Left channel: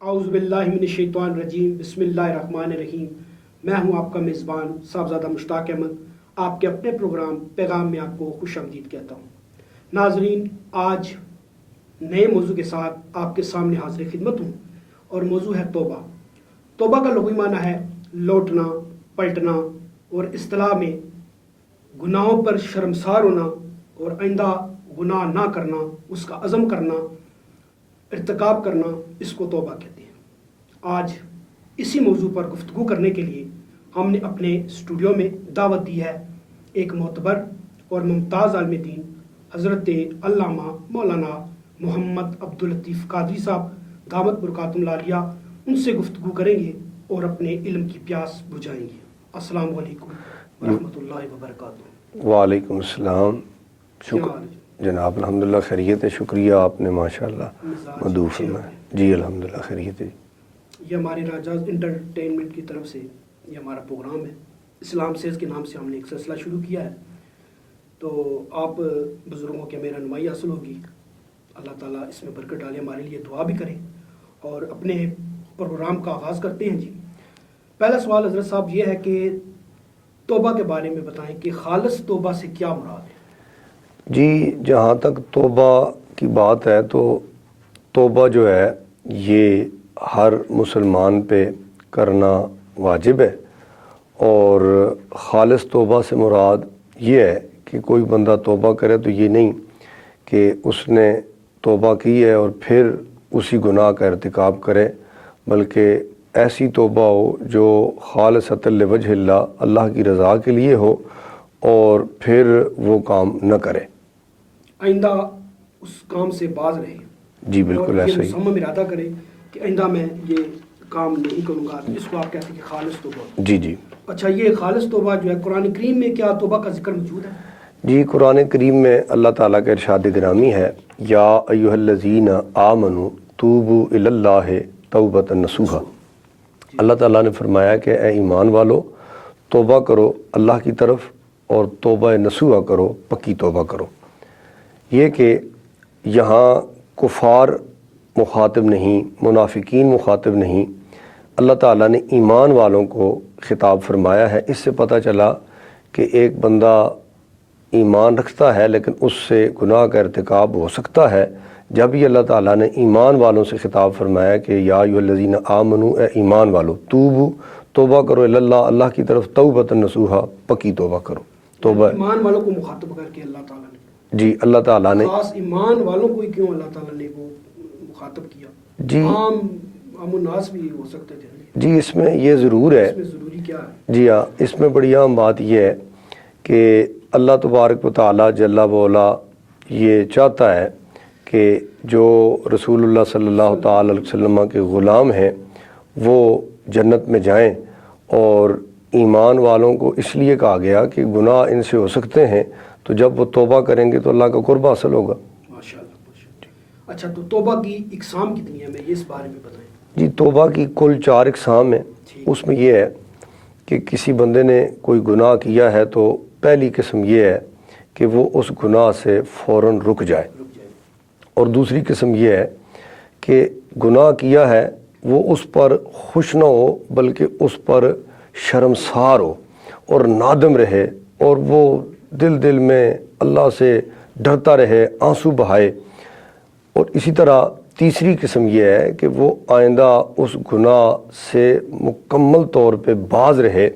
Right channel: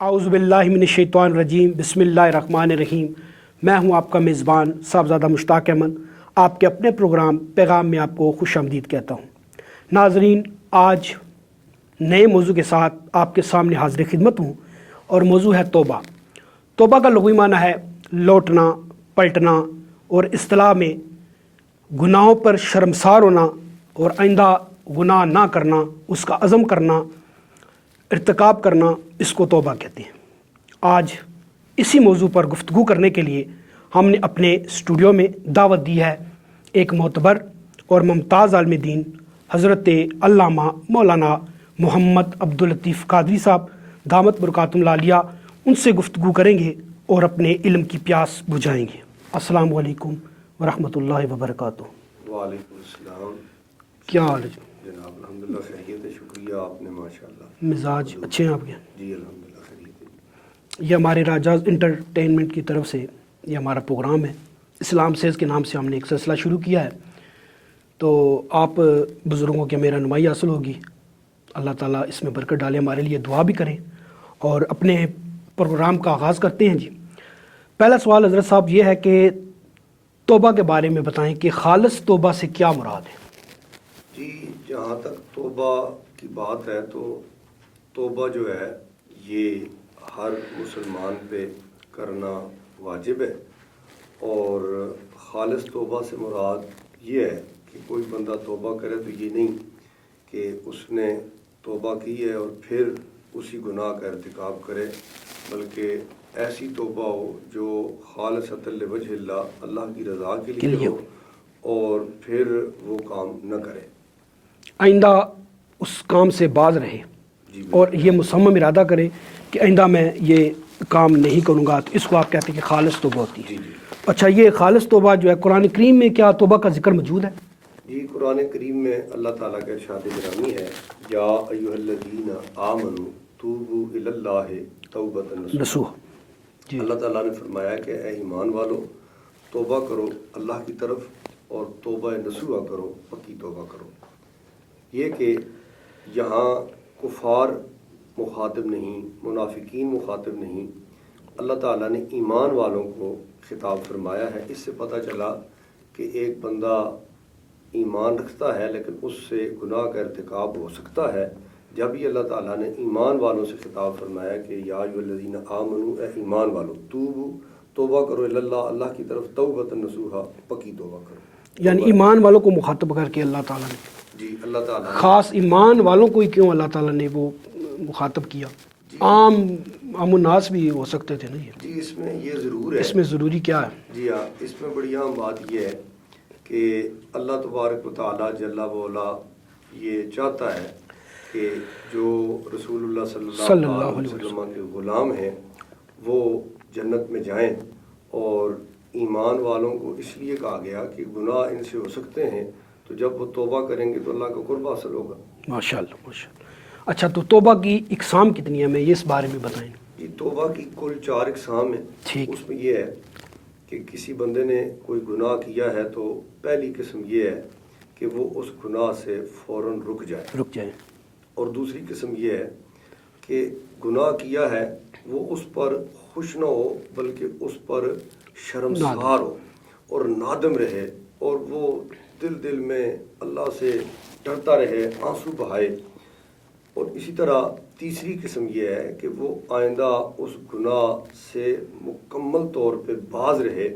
اعوذ باللہ من الشیطان الرجیم بسم اللہ الرحمن الرحیم۔ میں ہوں آپ کا میزبان صاحبزادہ مشتاق احمد، آپ کے اپنے پروگرام پیغام میں آپ کو خوش آمدید کہتا ہوں۔ ناظرین، آج نئے موضوع کے ساتھ آپ کے سامنے حاضر خدمت ہوں، اور موضوع ہے توبہ۔ توبہ کا لغوی معنی ہے لوٹنا، پلٹنا، اور اصطلاح میں گناہوں پر شرمسار ہونا اور آئندہ گناہ نہ کرنا، اس کا عزم کرنا، ارتکاب کرنا، اس کو توبہ کہتے ہیں۔ آج اسی موضوع پر گفتگو کرنے کے لیے ہم نے اپنے اسٹوڈیو میں دعوت دی ہے ایک معتبر اور ممتاز عالم دین حضرت علامہ مولانا محمد عبداللطیف قادری صاحب دامت برکاتہم العالیہ۔ ان سے گفتگو کریں گے اور اپنے علم کی پیاس بجھائیں گے۔ السلام علیکم ورحمۃ اللہ وبرکاتہ۔ وعلیکم السلام۔ کیا حال ہے جناب؟ الحمدللہ خیریت ہے، شکریہ آپ نے ماشاءاللہ مزاج مدعو اچھے ہیں آپ فرمایا۔ جی الحمدللہ خیریت ہے۔ یہ ہمارے راجاز انٹرٹینمنٹ کی طرف سے یہ ہمارا پروگرام ہے، اسلام سیز کے نام سے ہم نے ایک سلسلہ شروع کیا ہے، تو آپ بزرگوں کی ہمیں رہنمائی حاصل ہوگی۔ اللہ تعالیٰ اس میں برکت ڈالے، ہمارے لیے دعا بھی کریں، اور اپنے پروگرام کا آغاز کرتے ہیں۔ جی، پہلا سوال حضرت صاحب یہ ہے کہ توبہ کے بارے میں بتائیں کہ خالص توبہ سے کیا مراد ہے؟ جی، جہاں تک توبہ کی بات ہے تو توبہ جو ہے یہ ہر مسلمان پہ کرنا واجب ہے، اور خالص توبہ سے مراد یہ ہے کہ کوئی بندہ توبہ کرے تو یہ نہیں کہ اس نے توبہ کی ہے اور پھر اسی گناہ کا ارتکاب کرے، بلکہ ایسی توبہ ہو جو خالصۃ لوجہ اللہ، اللہ کی رضا کے لیے ہو، اور پھر وہ کام نہ کرے، آئندہ اس کام سے باز رہے، جی اور بالکل یہ ایسا ہی۔ مصمم ارادہ کرے کہ آئندہ میں یہ کام نہیں کروں گا، تو اس کو آپ کہتے ہیں کہ خالص توبہ ہوتی ہے۔ جی جی اچھا، یہ خالص توبہ جو ہے قرآن کریم میں کیا توبہ کا ذکر موجود ہے؟ جی، قرآن کریم میں اللہ تعالیٰ کا ارشاد گرامی ہے، یا ایھا الذین آمنوا توبوا الی اللہ توبۃ نصوحا۔ جی۔ اللہ تعالیٰ نے فرمایا کہ اے ایمان والو، توبہ کرو اللہ کی طرف، اور توبہ نصوحا کرو، پکی توبہ کرو۔ یہ کہ یہاں کفار مخاطب نہیں، منافقین مخاطب نہیں، اللہ تعالیٰ نے ایمان والوں کو خطاب فرمایا ہے۔ اس سے پتہ چلا کہ ایک بندہ ایمان رکھتا ہے لیکن اس سے گناہ کا ارتکاب ہو سکتا ہے۔ جب ہی اللہ تعالیٰ نے ایمان والوں سے خطاب فرمایا کہ یا ایھا الذین آمنوا، اے ایمان والو، توبو، توبہ کرو الی اللہ، اللہ کی طرف، توبۃ نصوحا، پکی توبہ کرو۔ یعنی ایمان والوں کو مخاطب کر کے اللہ تعالیٰ نے، جی اللہ تعالیٰ نے خاص ایمان والوں کو ہی کیوں اللہ تعالیٰ نے وہ مخاطب کیا؟ جی عام الناس بھی ہو سکتے تھے نہیں؟ جی اس میں یہ ضرور ہے، اس میں ضروری کیا ہے؟ جی ہاں، اس میں بڑی اہم بات یہ ہے کہ اللہ تبارک و تعالیٰ جل وعلا یہ چاہتا ہے کہ جو رسول اللہ صلی اللہ تعالیٰ علیہ وسلم کے غلام ہیں وہ جنت میں جائیں، اور ایمان والوں کو اس لیے کہا گیا کہ گناہ ان سے ہو سکتے ہیں، تو جب وہ توبہ کریں گے تو اللہ کا قرب حاصل ہوگا۔ ماشاءاللہ ماشاءاللہ۔ اچھا، تو توبہ کی اقسام کتنی ہے؟ ہمیں یہ اس بارے میں بتائیں۔ جی، توبہ کی کل 4 اقسام ہیں۔ ٹھیک۔ اس میں یہ ہے کہ کسی بندے نے کوئی گناہ کیا ہے تو پہلی قسم یہ ہے کہ وہ اس گناہ سے فوراً رک جائے، اور دوسری قسم یہ ہے کہ گناہ کیا ہے وہ اس پر خوش نہ ہو بلکہ اس پر شرمسار ہو اور نادم رہے، اور وہ دل میں اللہ سے ڈرتا رہے، آنسو بہائے۔ اور اسی طرح تیسری قسم یہ ہے کہ وہ آئندہ اس گناہ سے مکمل طور پہ باز رہے،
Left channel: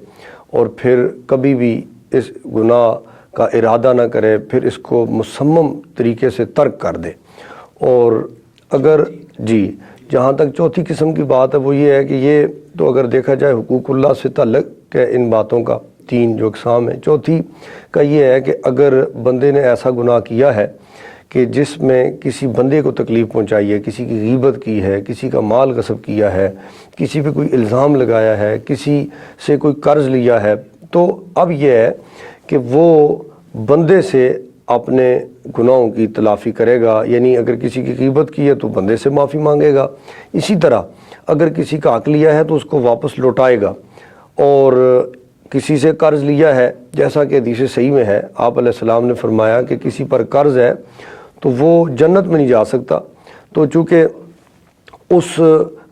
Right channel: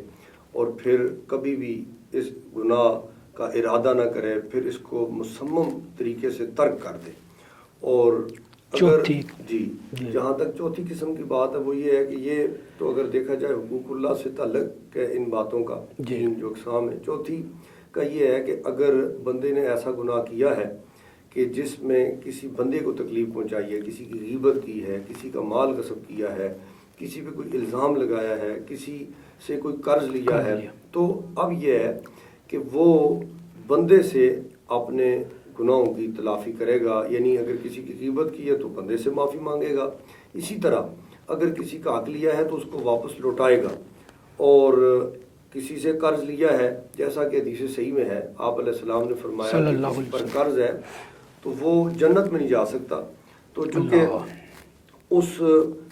اور پھر کبھی بھی اس گناہ کا ارادہ نہ کرے، پھر اس کو مصمم طریقے سے ترک کر دے۔ اور اگر جی جہاں تک چوتھی قسم کی بات ہے وہ یہ ہے کہ یہ تو اگر دیکھا جائے حقوق اللہ سے تعلق ہے ان باتوں کا، 3 جو اقسام ہیں۔ چوتھی کا یہ ہے کہ اگر بندے نے ایسا گناہ کیا ہے کہ جس میں کسی بندے کو تکلیف پہنچائی ہے، کسی کی غیبت کی ہے، کسی کا مال غصب کیا ہے، کسی پہ کوئی الزام لگایا ہے، کسی سے کوئی قرض لیا ہے، تو اب یہ ہے کہ وہ بندے سے اپنے گناہوں کی تلافی کرے گا۔ یعنی اگر کسی کی غیبت کی ہے تو بندے سے معافی مانگے گا، اسی طرح اگر کسی کا حق لیا ہے تو اس کو واپس لوٹائے گا، اور کسی سے قرض لیا ہے، جیسا کہ حدیث صحیح میں ہے، آپ علیہ السلام نے فرمایا کہ کسی پر قرض ہے تو وہ جنت میں نہیں جا سکتا، تو چونکہ اس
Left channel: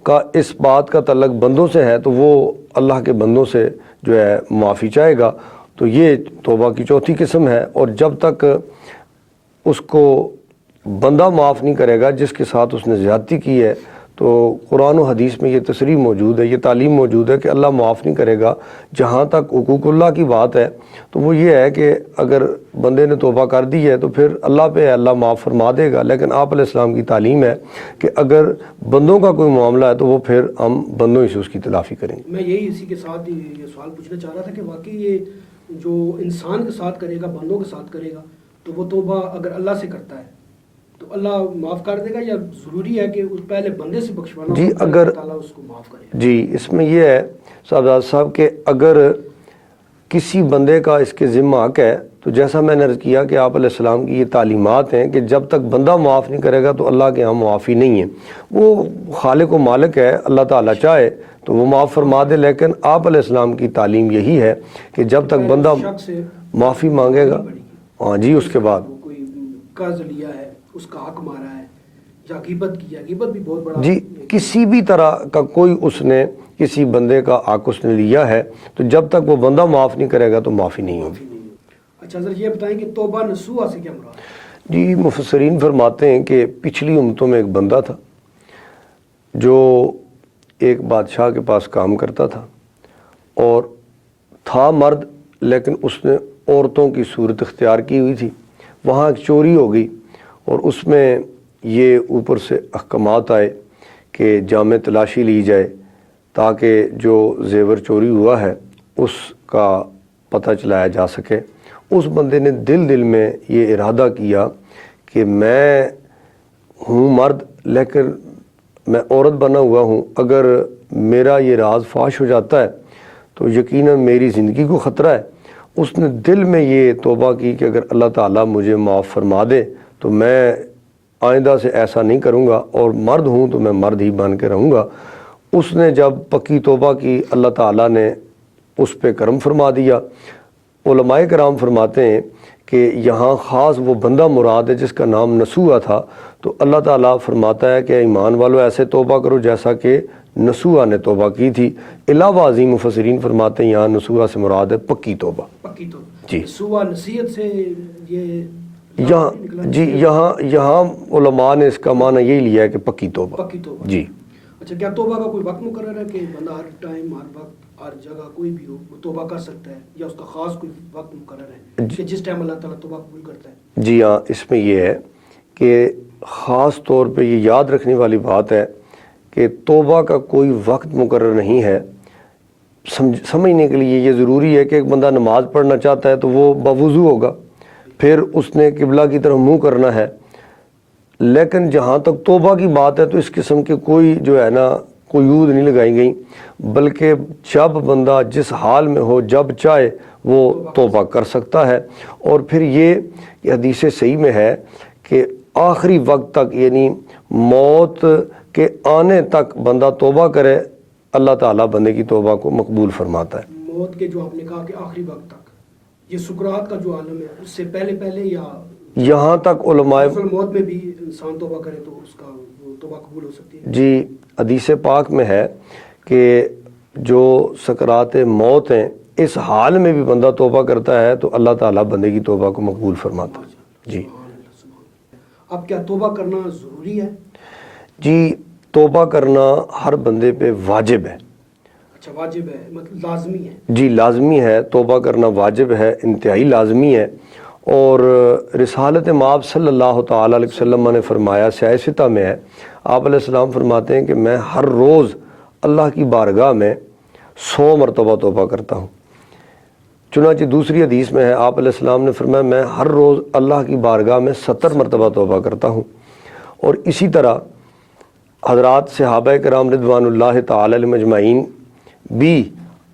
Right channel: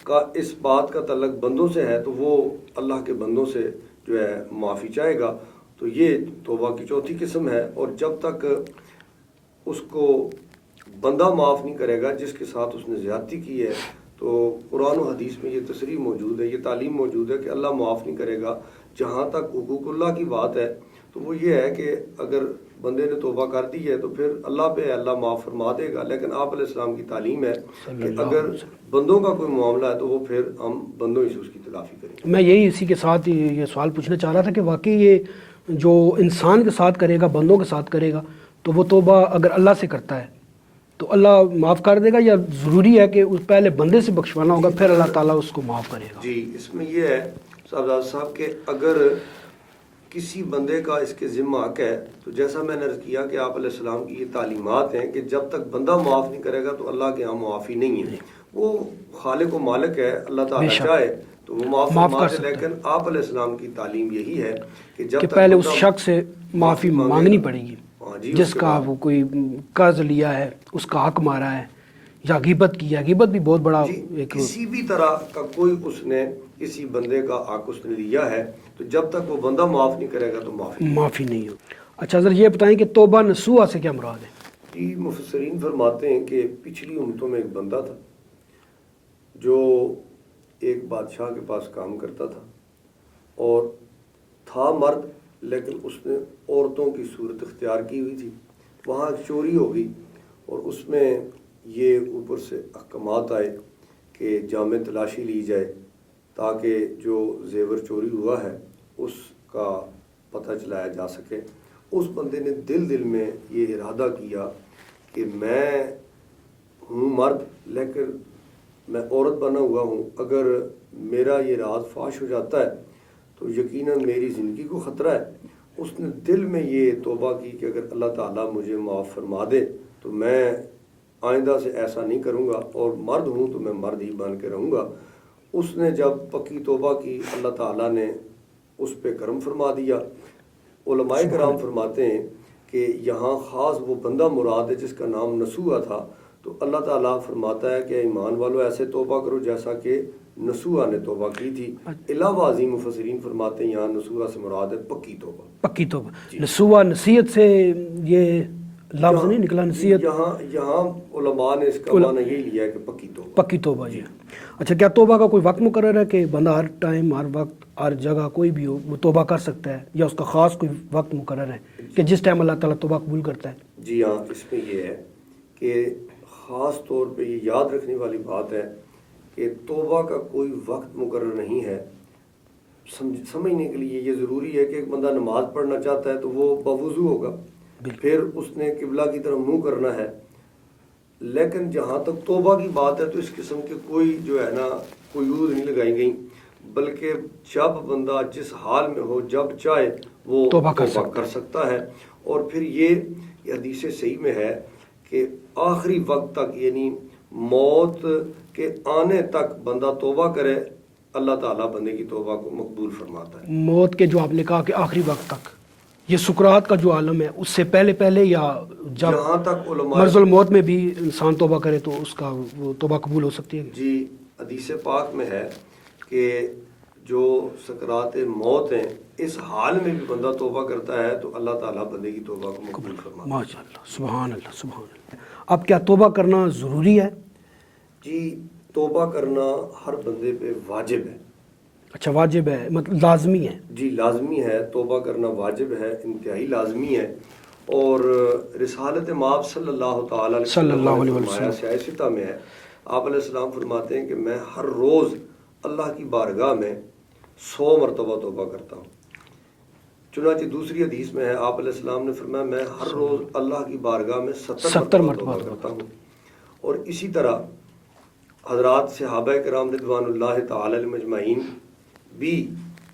کا اس بات کا تعلق بندوں سے ہے تو وہ اللہ کے بندوں سے جو ہے معافی چاہے گا. تو یہ توبہ کی چوتھی قسم ہے. اور جب تک اس کو بندہ معاف نہیں کرے گا جس کے ساتھ اس نے زیادتی کی ہے، تو قرآن و حدیث میں یہ تصریح موجود ہے، یہ تعلیم موجود ہے کہ اللہ معاف نہیں کرے گا. جہاں تک حقوق اللہ کی بات ہے تو وہ یہ ہے کہ اگر بندے نے توبہ کر دی ہے تو پھر اللہ پہ ہے، اللہ معاف فرما دے گا. لیکن آپ علیہ السلام کی تعلیم ہے کہ اگر بندوں کا کوئی معاملہ ہے تو وہ پھر ہم بندوں ہی سے اس کی تلافی کریں گے. میں یہی اسی کے ساتھ یہ سوال پوچھنا چاہ رہا تھا کہ واقعی یہ جو انسان کے ساتھ کرے گا، بندوں کے ساتھ کرے گا، تو وہ توبہ اگر اللہ سے کرتا ہے تو اللہ معاف کر دے گا، یا ضروری ہے کہ اس پہلے بندے سے بخشوانا ہوگا پھر اللہ تعالیٰ اس کو معاف کرے گا؟ جی اس میں یہ ہے صاحب کہ اگر کسی بندے کا اس کے ذمہ حق ہے تو جیسا میں نے عرض کیا کہ آپ علیہ السلام کی یہ تعلیمات ہیں کہ جب تک بندہ معاف نہیں کرے گا تو اللہ کے ہاں معافی نہیں ہے. وہ خالق و مالک ہے، اللہ تعالیٰ چاہے تو وہ معاف فرما دے. لیکن آپ علیہ السلام کی تعلیم یہی ہے کہ جب تک بندہ شخص سے معافی مانگے گا، پڑے گی. ہاں جی، اس کے بعد وہ کوئی قرض لیا ہے، اس کا حق مارا ہے، یا غیبت کی ہے، غیبت بھی بہت بڑا جی کسی بھی طرح کا کوئی اس نے کسی بندے کا حق اس نے لیا ہے تو جب تک وہ بندہ معاف نہیں کرے گا تو معافی نہیں ہو. اچھا سر یہ بتائیں کہ توبہ نصوحہ سے کیا مراد ہے؟ جی مفسرین فرماتے ہیں کہ پچھلی امتوں میں ایک بندہ تھا جو ایک بادشاہ کے پاس کام کرتا تھا اور تھا مرد، لیکن اس نے عورتوں کی صورت اختیار کی ہوئی تھی. وہاں ایک چوری ہو گئی اور اس میں یہ اوپر سے احکامات آئے کہ جامع تلاشی لی جائے تاکہ جو زیور چوری ہوا ہے اس کا پتہ چلایا جا سکے. اس بندے نے دل میں یہ ارادہ کیا کہ میں ہوں مرد لیکن میں عورت بنا ہوا ہوں، اگر میرا یہ راز فاش ہو جاتا ہے تو یقیناً میری زندگی کو خطرہ ہے. اس نے دل میں یہ توبہ کی کہ اگر اللہ تعالیٰ مجھے معاف فرما دے تو میں آئندہ سے ایسا نہیں کروں گا، اور مرد ہوں تو میں مرد ہی بن کے رہوں گا. اس نے جب پکی توبہ کی اللہ تعالیٰ نے اس پہ کرم فرما دیا. علماء کرام فرماتے ہیں کہ یہاں خاص وہ بندہ مراد ہے جس کا نام نصوحہ تھا. تو اللہ تعالیٰ فرماتا ہے کہ ایمان والو ایسے توبہ کرو جیسا کہ نصوحہ نے توبہ کی تھی. علاوہ ازیں مفسرین فرماتے ہیں یہاں نصوحہ سے مراد ہے پکی توبہ. پکی توبہ جی. نصوحہ نصیحت سے یہ لفظ نہیں نکلا؟ جی یہاں علماء نے اس کا معنی یہی لیا ہے کہ پکی توبہ. پکی توبہ. جی. اچھا کیا توبہ کا کوئی وقت مقرر ہے کہ بندہ ہر ٹائم، ہر وقت، ہر جگہ کوئی بھی ہو وہ توبہ کر سکتا ہے، یا اس کا خاص کوئی وقت مقرر ہے کہ جس ٹائم اللہ تعالیٰ توبہ قبول کرتا ہے؟ جی ہاں، اس میں یہ ہے کہ خاص طور پہ یہ یاد رکھنے والی بات ہے کہ توبہ کا کوئی وقت مقرر نہیں ہے. سمجھنے کے لیے یہ ضروری ہے کہ ایک بندہ نماز پڑھنا چاہتا ہے تو وہ بوضو ہوگا، پھر اس نے قبلہ کی طرف منہ کرنا ہے. لیکن جہاں تک توبہ کی بات ہے تو اس قسم کے کوئی جو ہے نا قیود نہیں لگائی گئی، بلکہ جب بندہ جس حال میں ہو جب چاہے وہ توبہ کر سکتا ہے. اور پھر یہ حدیث صحیح میں ہے کہ آخری وقت تک، یعنی موت کے آنے تک بندہ توبہ کرے، اللہ تعالیٰ بندے کی توبہ کو مقبول فرماتا ہے. موت کے جو آپ نے کہا کہ آخری وقت تک، یہ سکرات کا جو عالم ہے اس سے پہلے یا یہاں تک علماء مرض الموت میں بھی انسان توبہ کرے تو اس کا وہ توبہ قبول ہو سکتی ہے؟ جی حدیث پاک میں ہے کہ جو سکرات موت ہیں اس حال میں بھی بندہ توبہ کرتا ہے تو اللہ تعالیٰ بندے کی توبہ کو مقبول فرماتا ہے. ماشاءاللہ، سبحان اللہ سبحان اللہ. اب کیا توبہ کرنا ضروری ہے؟ جی توبہ کرنا ہر بندے پہ واجب ہے. اچھا واجب ہے، مطلب لازمی ہے؟ جی لازمی ہے، توبہ کرنا واجب ہے، انتہائی لازمی ہے. اور رسالت مآب صلی اللہ تعالیٰ علیہ وسلم نے فرمایا، سیاہ ستہ میں ہے، آپ علیہ السلام فرماتے ہیں کہ میں ہر روز اللہ کی بارگاہ میں 100 مرتبہ توبہ کرتا ہوں. چنانچہ دوسری حدیث میں ہے، آپ علیہ السلام نے فرمایا میں ہر روز اللہ کی بارگاہ میں 70 مرتبہ توبہ کرتا ہوں. اور اسی طرح حضرات صحابہ کرام رضوان اللہ تعالی علیہم اجمعین بھی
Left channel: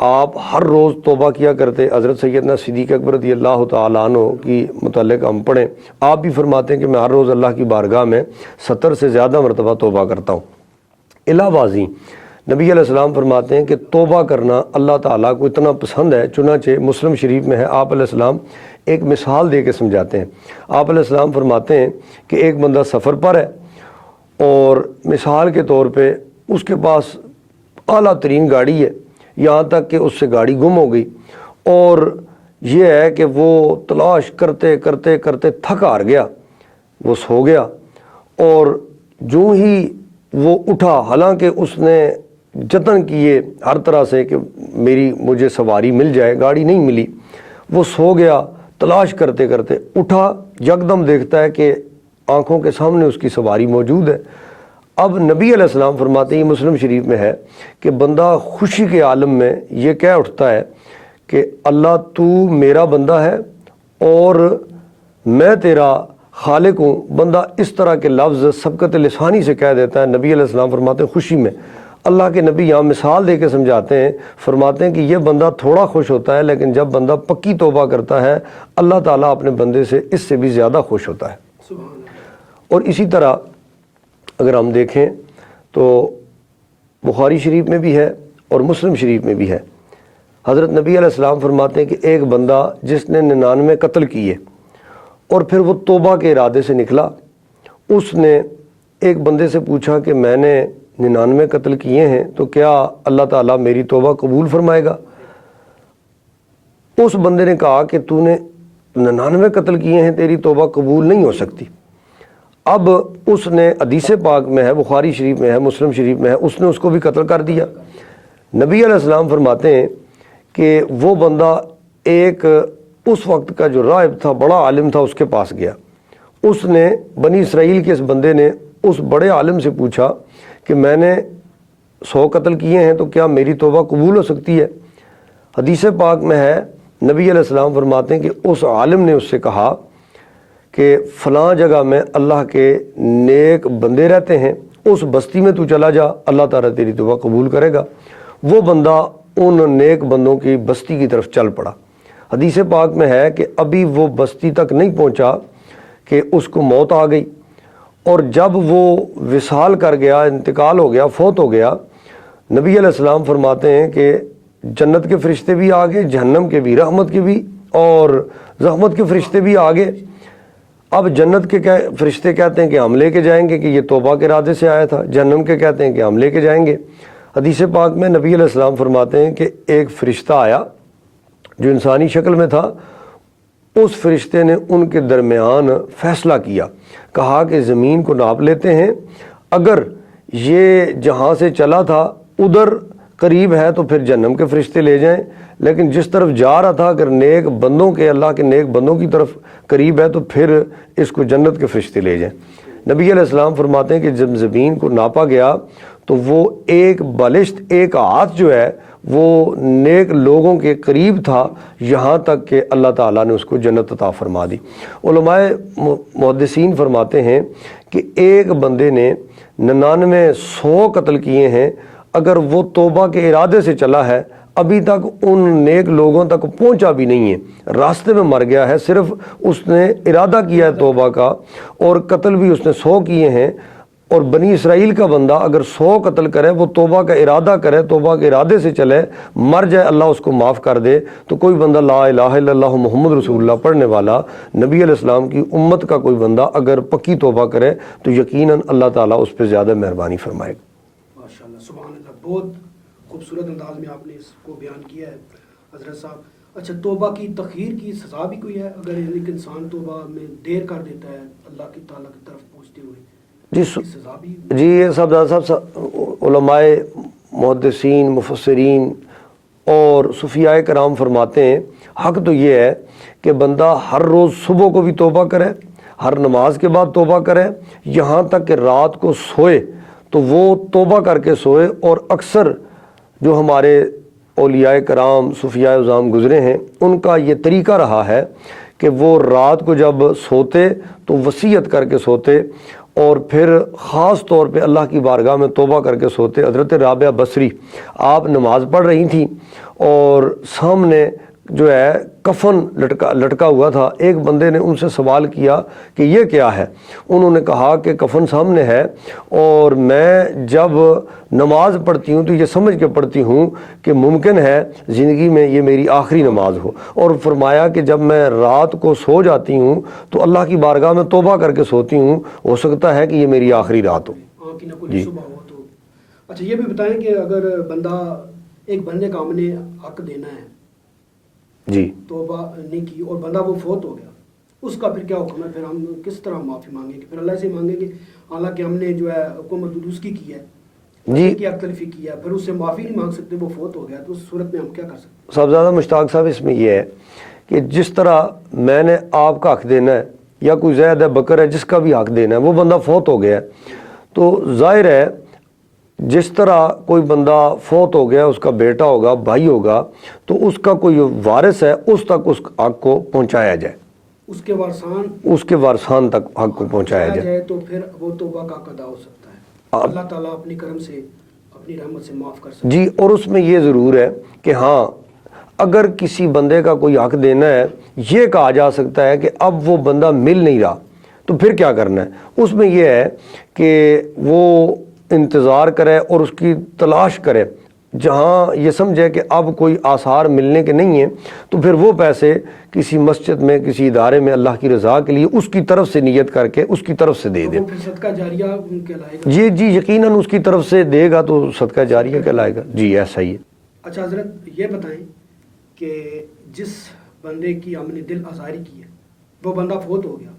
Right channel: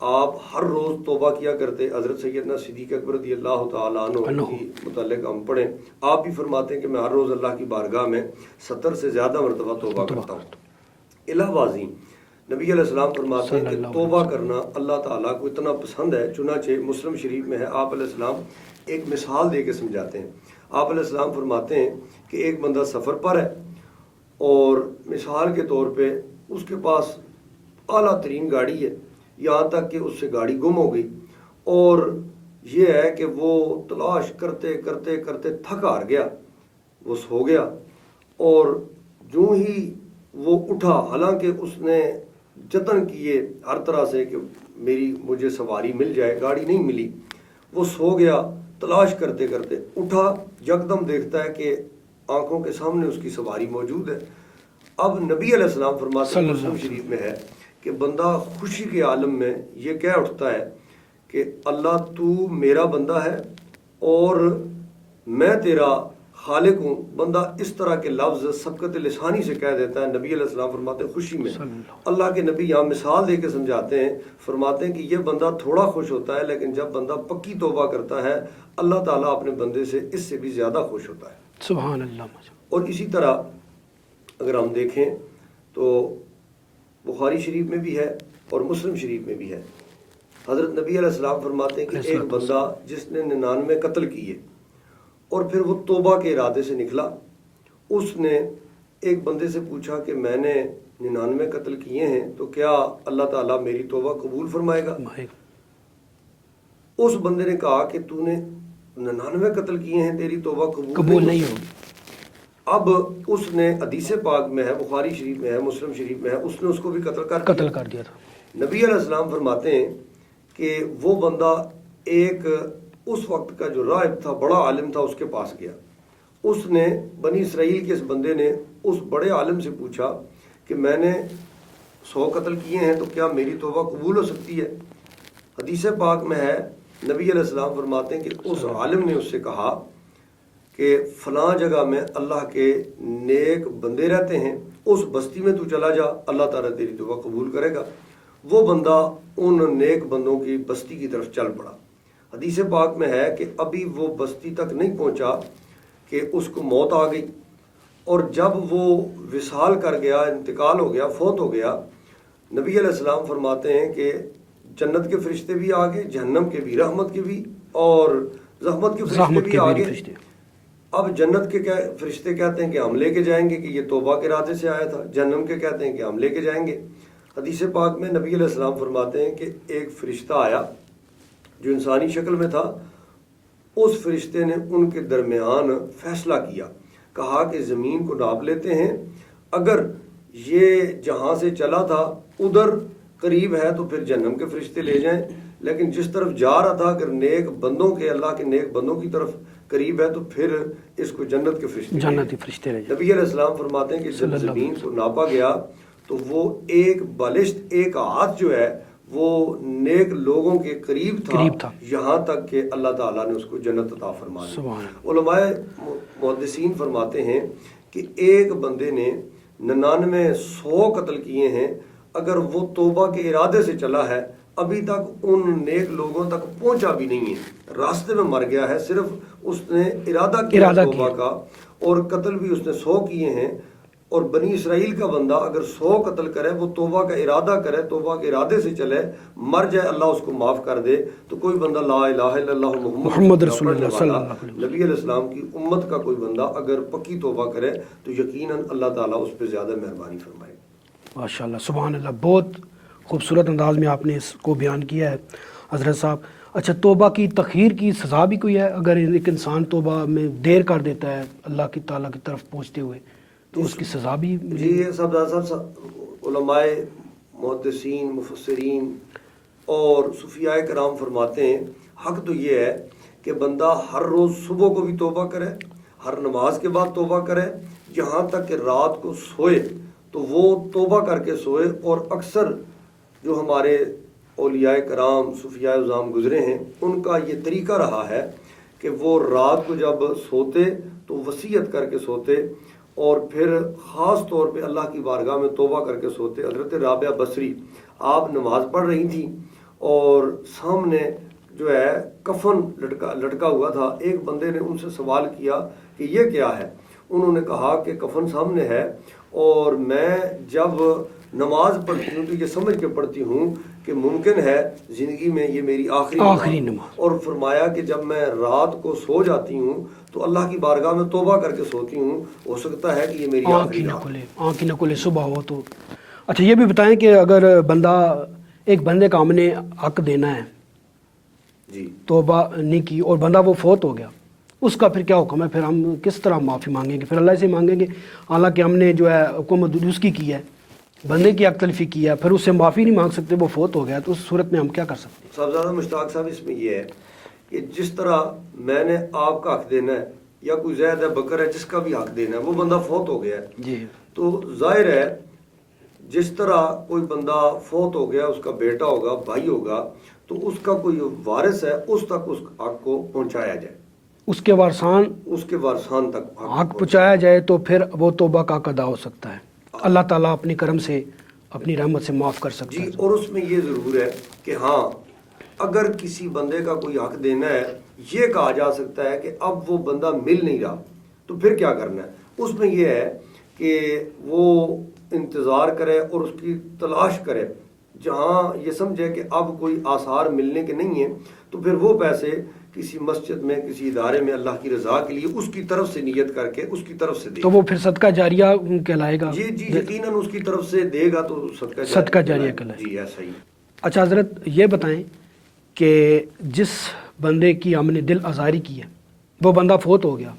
آپ ہر روز توبہ کیا کرتے. حضرت سیدنا صدیق اکبر رضی اللہ تعالیٰ عنہ کی متعلق ہم پڑھیں، آپ بھی فرماتے ہیں کہ میں ہر روز اللہ کی بارگاہ میں 70 سے زیادہ مرتبہ توبہ کرتا ہوں. علاوہ ازیں نبی علیہ السلام فرماتے ہیں کہ توبہ کرنا اللہ تعالیٰ کو اتنا پسند ہے. چنانچہ مسلم شریف میں ہے، آپ علیہ السلام ایک مثال دے کے سمجھاتے ہیں. آپ علیہ السلام فرماتے ہیں کہ ایک بندہ سفر پر ہے اور مثال کے طور پہ اس کے پاس اعلیٰ ترین گاڑی ہے، یہاں تک کہ اس سے گاڑی گم ہو گئی، اور یہ ہے کہ وہ تلاش کرتے کرتے کرتے تھک ہار گیا، وہ سو گیا، اور جو ہی وہ اٹھا، حالانکہ اس نے جتن کیے ہر طرح سے کہ مجھے سواری مل جائے، گاڑی نہیں ملی، وہ سو گیا، تلاش کرتے کرتے اٹھا، یکدم دیکھتا ہے کہ آنکھوں کے سامنے اس کی سواری موجود ہے۔ اب نبی علیہ السلام فرماتے ہیں، مسلم شریف میں ہے کہ بندہ خوشی کے عالم میں یہ کہہ اٹھتا ہے کہ اللہ تو میرا بندہ ہے اور میں تیرا خالق ہوں۔ بندہ اس طرح کے لفظ سبقت لسانی سے کہہ دیتا ہے۔ نبی علیہ السلام فرماتے ہیں خوشی میں، اللہ کے نبی یہاں مثال دے کے سمجھاتے ہیں، فرماتے ہیں کہ یہ بندہ تھوڑا خوش ہوتا ہے، لیکن جب بندہ پکی توبہ کرتا ہے اللہ تعالیٰ اپنے بندے سے اس سے بھی زیادہ خوش ہوتا ہے۔ سبحان اللہ۔ اور اسی طرح اگر ہم دیکھیں تو بخاری شریف میں بھی ہے اور مسلم شریف میں بھی ہے، حضرت نبی علیہ السلام فرماتے ہیں کہ ایک بندہ جس نے 99 قتل کیے اور پھر وہ توبہ کے ارادے سے نکلا، اس نے ایک بندے سے پوچھا کہ میں نے 99 قتل کیے ہیں تو کیا اللہ تعالیٰ میری توبہ قبول فرمائے گا؟ اس بندے نے کہا کہ تو نے 99 قتل کیے ہیں، تیری توبہ قبول نہیں ہو سکتی۔ اب اس نے حدیث پاک میں ہے، بخاری شریف میں ہے، مسلم شریف میں ہے، اس نے اس کو بھی قتل کر دیا۔ نبی علیہ السلام فرماتے ہیں کہ وہ بندہ ایک اس وقت کا جو راہب تھا، بڑا عالم تھا، اس کے پاس گیا۔ اس نے بنی اسرائیل کے اس بندے نے اس بڑے عالم سے پوچھا کہ میں نے 100 قتل کیے ہیں تو کیا میری توبہ قبول ہو سکتی ہے؟ حدیث پاک میں ہے، نبی علیہ السلام فرماتے ہیں کہ اس عالم نے اس سے کہا کہ فلاں جگہ میں اللہ کے نیک بندے رہتے ہیں، اس بستی میں تو چلا جا، اللہ تعالیٰ تیری توبہ قبول کرے گا۔ وہ بندہ ان نیک بندوں کی بستی کی طرف چل پڑا۔ حدیث پاک میں ہے کہ ابھی وہ بستی تک نہیں پہنچا کہ اس کو موت آ گئی، اور جب وہ وصال کر گیا، انتقال ہو گیا، فوت ہو گیا، نبی علیہ السلام فرماتے ہیں کہ جنت کے فرشتے بھی آگے، جہنم کے بھی، رحمت کے بھی اور رحمت کے فرشتے بھی آگے۔ اب جنت کے فرشتے کہتے ہیں کہ ہم لے کے جائیں گے کہ یہ توبہ کے ارادے سے آیا تھا، جہنم کے کہتے ہیں کہ ہم لے کے جائیں گے۔ حدیث پاک میں نبی علیہ السلام فرماتے ہیں کہ ایک فرشتہ آیا جو انسانی شکل میں تھا، اس فرشتے نے ان کے درمیان فیصلہ کیا، کہا کہ زمین کو ناپ لیتے ہیں، اگر یہ جہاں سے چلا تھا ادھر قریب ہے تو پھر جہنم کے فرشتے لے جائیں، لیکن جس طرف جا رہا تھا اگر نیک بندوں کے، اللہ کے نیک بندوں کی طرف قریب ہے تو پھر اس کو جنت کے فرشتے لے جائیں۔ نبی علیہ السلام فرماتے ہیں کہ جب زمین کو ناپا گیا تو وہ ایک بالشت، ایک ہاتھ جو ہے وہ نیک لوگوں کے قریب تھا، یہاں تک کہ اللہ تعالیٰ نے اس کو جنت عطا فرما دی۔ علماء محدثین فرماتے ہیں کہ ایک بندے نے 99 100 قتل کیے ہیں، اگر وہ توبہ کے ارادے سے چلا ہے، ابھی تک ان نیک لوگوں تک پہنچا بھی نہیں ہے، راستے میں مر گیا ہے، صرف اس نے ارادہ کیا توبہ کا، اور قتل بھی اس نے 100 کیے ہیں۔ اور بنی اسرائیل کا بندہ اگر 100 قتل کرے، وہ توبہ کا ارادہ کرے، توبہ کے ارادے سے چلے، مر جائے، اللہ اس کو معاف کر دے، تو کوئی بندہ لا الہ الا اللہ محمد رسول اللہ پڑھنے والا، نبی علیہ السلام کی امت کا کوئی بندہ اگر پکی توبہ کرے تو یقیناً اللہ تعالیٰ اس پہ زیادہ مہربانی فرمائے گا۔ ماشاءاللہ، سبحان اللہ، بہت خوبصورت انداز میں آپ نے اس کو بیان کیا ہے حضرت صاحب۔ اچھا، توبہ کی تخیر کی سزا بھی کوئی ہے اگر ایک انسان توبہ میں دیر کر دیتا ہے اللہ کی تعالیٰ کی طرف پہنچتے ہوئے؟ جی سزا بھی؟ جی صاحب، علماء محدثین، مفسرین اور صوفیاء کرام فرماتے ہیں حق تو یہ ہے کہ بندہ ہر روز صبح کو بھی توبہ کرے، ہر نماز کے بعد توبہ کرے، یہاں تک کہ رات کو سوئے تو وہ توبہ کر کے سوئے۔ اور اکثر جو ہمارے اولیاء کرام، صوفیاء عظام گزرے ہیں، ان کا یہ طریقہ رہا ہے کہ وہ رات کو جب سوتے تو وصیت کر کے سوتے، اور پھر خاص طور پہ اللہ کی بارگاہ میں توبہ کر کے سوتے۔ حضرت رابعہ بصری آپ نماز پڑھ رہی تھیں اور سامنے جو ہے کفن لٹکا ہوا تھا، ایک بندے نے ان سے سوال کیا کہ یہ کیا ہے؟ انہوں نے کہا کہ کفن سامنے ہے اور میں جب نماز پڑھتی ہوں تو یہ سمجھ کے پڑھتی ہوں کہ ممکن ہے زندگی میں یہ میری آخری نماز ہو، اور فرمایا کہ جب میں رات کو سو جاتی ہوں تو اللہ کی بارگاہ میں توبہ کر کے سوتی ہوں، ہو سکتا ہے کہ یہ میری آخری رات ہو، آنکھ نہ کھلے صبح ہو تو اچھا یہ بھی بتائیں کہ اگر ایک بندے کا ہم نے حق دینا ہے جی توبہ نہیں کی اور بندہ وہ فوت ہو گیا، اس کا پھر کیا حکم ہے؟ پھر ہم کس طرح معافی مانگیں گے؟ پھر اللہ سے مانگیں گے حالانکہ ہم نے جو ہے حکومت اس کی ہے، بندے کی حق تلفی کی ہے، پھر اس سے معافی نہیں مانگ سکتے، وہ فوت ہو گیا، تو اس صورت میں ہم کیا کر سکتے ہیں؟ سب زیادہ مشتاق صاحب اس میں یہ ہے کہ جس طرح میں نے آپ کا حق دینا ہے یا کوئی زید ہے بکر ہے جس کا بھی حق دینا ہے، وہ بندہ فوت ہو گیا ہے تو ظاہر ہے جس طرح کوئی بندہ فوت ہو گیا، اس کا بیٹا ہوگا، بھائی ہوگا، تو اس کا کوئی وارث ہے، اس تک اس حق کو پہنچایا جائے، اس کے وارثان تک حق کو حق پہنچایا جائے تو پھر وہ توبہ کا ادا ہو سکتا ہے، اللہ تعالیٰ اپنی کرم سے اپنی رحمت سے معاف کر سکتا ہے۔ جی، اور اس میں یہ ضرور ہے کہ ہاں اگر کسی بندے کا کوئی حق دینا ہے، یہ کہا جا سکتا ہے کہ اب وہ بندہ مل نہیں رہا تو پھر کیا کرنا ہے، اس میں یہ ہے کہ وہ انتظار کرے اور اس کی تلاش کرے، جہاں یہ سمجھے کہ اب کوئی آثار ملنے کے نہیں ہیں تو پھر وہ پیسے کسی مسجد میں، کسی ادارے میں اللہ کی رضا کے لیے اس کی طرف سے نیت کر کے اس کی طرف سے دے تو دے، وہ پھر صدقہ جاریہ کہلائے گا؟ جی یقیناً اس کی طرف سے دے گا تو صدقہ جاریہ کہلائے گا۔ جی ایسا ہی ہے۔ اچھا حضرت یہ بتائیں کہ جس بندے کی ہم نے دل آزاری کی ہے، وہ بندہ فوت ہو گیا،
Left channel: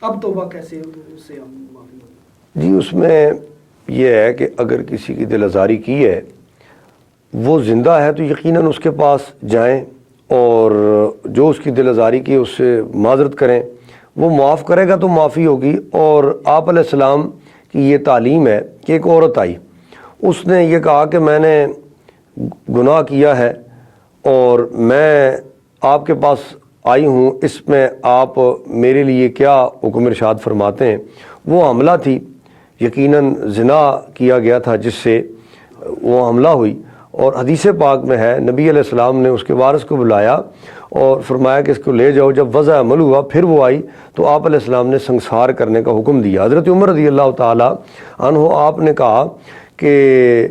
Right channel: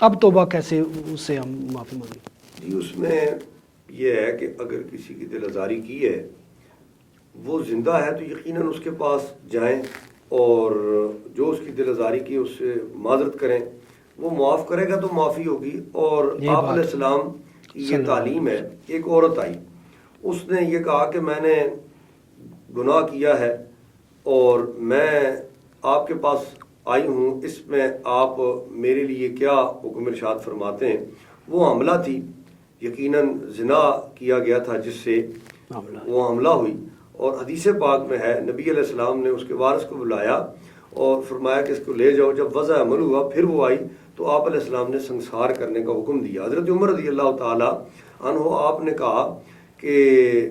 اب توبہ کیسے اس سے ہم معافی مانگیں؟ جی اس میں یہ ہے کہ اگر کسی کی دل آزاری کی ہے، وہ زندہ ہے تو یقیناً اس کے پاس جائیں اور جو اس کی دل آزاری کی اس سے معذرت کریں، وہ معاف کرے گا تو معافی ہوگی۔ اور آپ علیہ السلام کی یہ تعلیم ہے کہ ایک عورت آئی، اس نے یہ کہا کہ میں نے گناہ کیا ہے اور میں آپ کے پاس آئی ہوں، اس میں آپ میرے لیے کیا حکم ارشاد فرماتے ہیں؟ وہ حملہ تھی، یقیناً زنا کیا گیا تھا جس سے وہ حملہ ہوئی، اور حدیث پاک میں ہے نبی علیہ السلام نے اس کے وارث کو بلایا اور فرمایا کہ اس کو لے جاؤ۔ جب وضع عمل ہوا پھر وہ آئی تو آپ علیہ السلام نے سنسار کرنے کا حکم دیا۔ حضرت عمر رضی اللہ تعالی عنہ آپ نے کہا کہ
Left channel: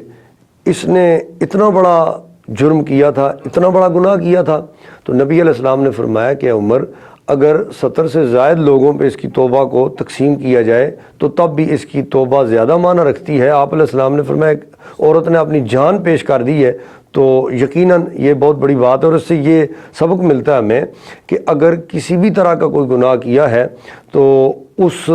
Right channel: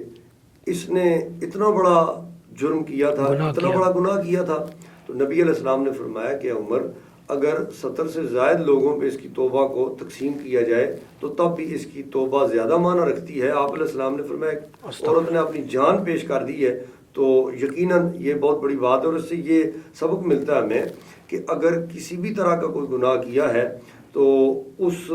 اس نے اتنا بڑا جرم کیا تھا، اتنا بڑا گناہ کیا تھا، تو نبی علیہ السلام نے فرمایا کہ عمر اگر 70 سے زائد لوگوں پہ اس کی توبہ کو تقسیم کیا جائے تو تب بھی اس کی توبہ زیادہ معنی رکھتی ہے۔ آپ علیہ السلام نے فرمایا عورت نے اپنی جان پیش کر دی ہے تو یقیناً یہ بہت بڑی بات ہے، اور اس سے یہ سبق ملتا ہے ہمیں کہ اگر کسی بھی طرح کا کوئی گناہ کیا ہے تو اس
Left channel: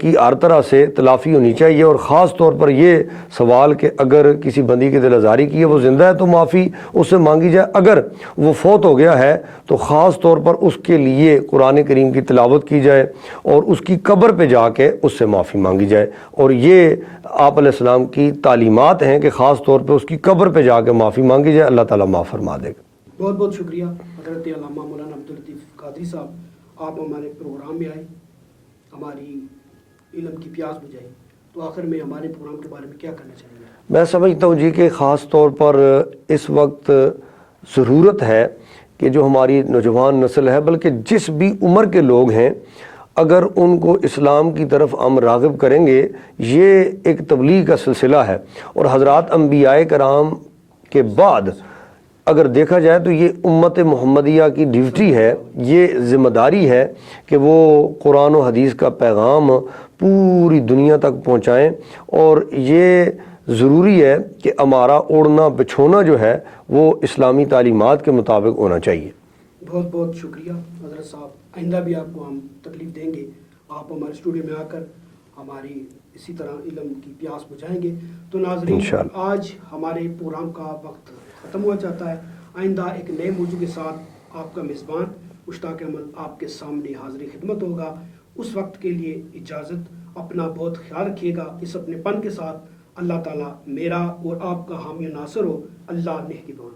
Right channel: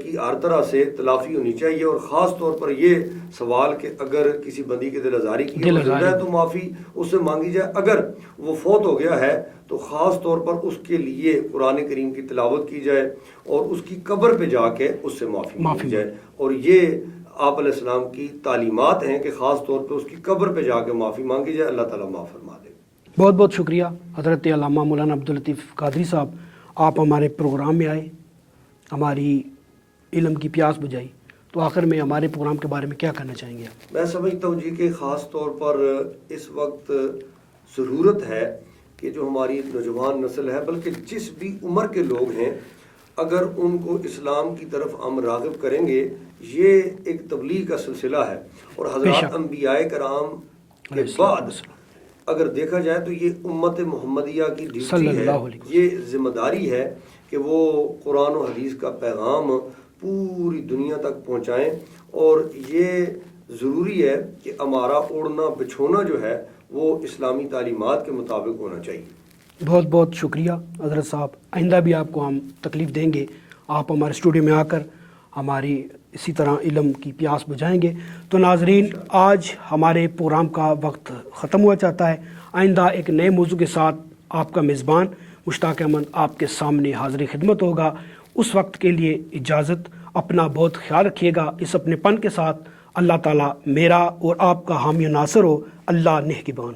کی ہر طرح سے تلافی ہونی چاہیے، اور خاص طور پر یہ سوال کہ اگر کسی بندی کی دل آزاری کی ہے، وہ زندہ ہے تو معافی اس سے مانگی جائے، اگر وہ فوت ہو گیا ہے تو خاص طور پر اس کے لیے قرآن کریم کی تلاوت کی جائے اور اس کی قبر پہ جا کے اس سے معافی مانگی جائے، اور یہ آپ علیہ السلام کی تعلیمات ہیں کہ خاص طور پہ اس کی قبر پہ جا کے معافی مانگی جائے، اللہ تعالیٰ معاف فرما دے گا۔ بہت بہت شکریہ حضرت علامہ مولانا عبداللطیف قادری صاحب، آپ ہمارے پروگرام میں آئے، ہماری علم کی پیاس بجھائی، تو آخر میں ہمارے پروگرام کے بارے میں کیا کہنا چاہیں گے؟ میں سمجھتا ہوں جی کہ خاص طور پر اس وقت ضرورت ہے کہ جو ہماری نوجوان نسل ہے، بلکہ جس بھی عمر کے لوگ ہیں، اگر ان کو اسلام کی طرف ہم راغب کریں گے، یہ ایک تبلیغ کا سلسلہ ہے، اور حضرات انبیاء کرام کے بعد اگر دیکھا جائے تو یہ امت محمدیہ کی ڈیوٹی ہے، یہ ذمہ داری ہے کہ وہ قرآن و حدیث کا پیغام پوری دنیا تک پہنچائیں، اور یہ ضروری ہے کہ ہمارا اوڑھنا بچھونا جو ہے وہ اسلامی تعلیمات کے مطابق ہونا چاہیے۔ بہت بہت شکریہ حضرت صاحب، آئندہ بھی آپ کو ہم تکلیف دیں گے، آپ ہمارے اسٹوڈیو میں آ کر ہماری اسی طرح علم کی پیاس بجھائیں گے۔ تو ناظرین، آج ہمارے پروگرام کا وقت ختم ہوا چاہتا ہے، آئندہ ایک نئے موضوع کے ساتھ آپ کا میزبان مشتاق احمد آپ کے سامنے حاضر خدمت ہوگا۔ اس وقت کے لیے اجازت، اپنا بہت خیال رکھیے گا، اس اپنے پن کے ساتھ۔ اللہ تعالیٰ میرا اور آپ کا حامی و ناصر ہو۔ اللہ نگہبان۔